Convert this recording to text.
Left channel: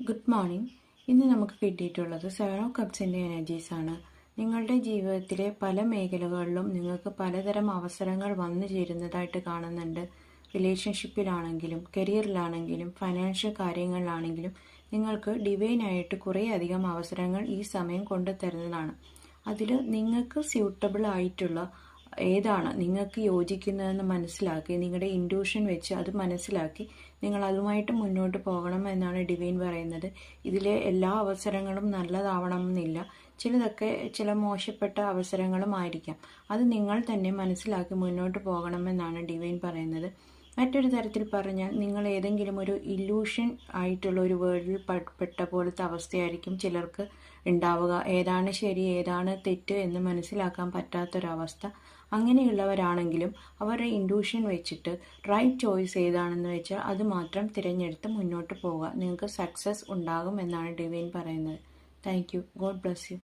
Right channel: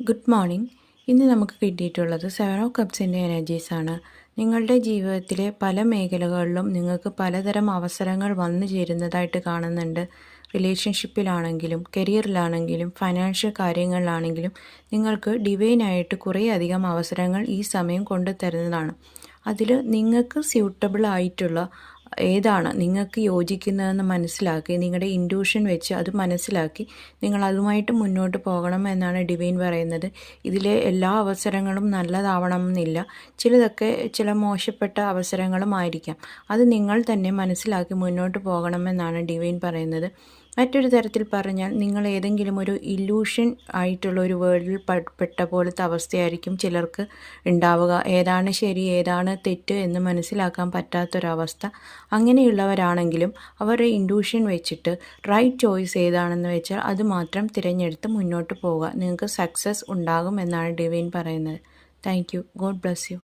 Good morning. ഇന്ന് നമുക്ക് കിട്ടിയിട്ടുള്ളത് 7 ഓഫ് കപ്സിൻ്റെ എനർജീസാണ്. നിങ്ങളുടെ ജീവിതത്തിലെ പല മേഖലകളിലും നിങ്ങൾക്ക് പലതരം അവസരങ്ങൾ വന്നു ചേരുന്നതായിട്ട് കാണുന്നുണ്ട്. റിലേഷൻഷിപ്പിലാണെങ്കിലും കരിയറിലാണെങ്കിലും ഫൈനാൻഷ്യൽ കാര്യങ്ങളിലാണെങ്കിലും നിങ്ങൾക്ക് ഡിവൈനായിട്ട് കുറേ അധികം അവസരങ്ങൾ ഈ സമയം കൊണ്ടുതരുന്നതാണ്. അതിൽ നിങ്ങൾക്ക് സ്യൂട്ടബിൾ ആയിട്ടുള്ള ഏതാണ് നിങ്ങൾക്ക് യോജിക്കുന്നതെന്ന് മനസ്സിലാക്കി നിങ്ങളുടെ ഇൻറ്റ്യൂഷൻ വെച്ച് അത് മനസ്സിലാക്കി നിങ്ങൾ അതുമായിട്ട് മുന്നോട്ട് പോകണം എന്നാണ് ഡിവൈൻ പറയുന്നത്. ഇതിലെ എല്ലാ അവസരങ്ങളും നല്ലതാവണം എന്നില്ല. ചിലതൊക്കെ ചില മോശപ്പെട്ട അവസരങ്ങളും ആയിരിക്കാം. അത് നിങ്ങൾ തന്നെ മനസ്സിലാക്കി മുന്നോട്ട് പോകണമെന്നാണ് ഡിവൈൻ പറയുന്നത്. മറ്റൊരു തരത്തിൽ പറഞ്ഞാൽ നിങ്ങൾ ഏതെങ്കിലും ഒരു ഇല്യൂഷൻ ആയിട്ടുള്ള ഒരു വേൾഡിൽ പെട്ട പോലത്തെ അവസ്ഥയായിരിക്കും ചിലർക്ക് ഉണ്ടാവുക. ഏതാണ് ശരി ഏതാണ് തെറ്റ് എന്ന് മനസ്സിലാക്കാൻ പറ്റാത്തൊരവസ്ഥ. അങ്ങനെയുള്ളവരാണെങ്കിലും അവരുടെ ഇൻറ്റ്യൂഷൻ വെച്ചിട്ട് റൈറ്റ് ചോയ്സ് ഏതാണെന്ന് വെച്ചാൽ അത് മാത്രം തിരഞ്ഞെടുത്ത് മുന്നോട്ട് പോവുക. നിങ്ങൾക്ക് സക്സസ് ഉണ്ടാകും എന്നാണ് ഡിവൈൻ പറയുന്നത്. Thank you. God bless you.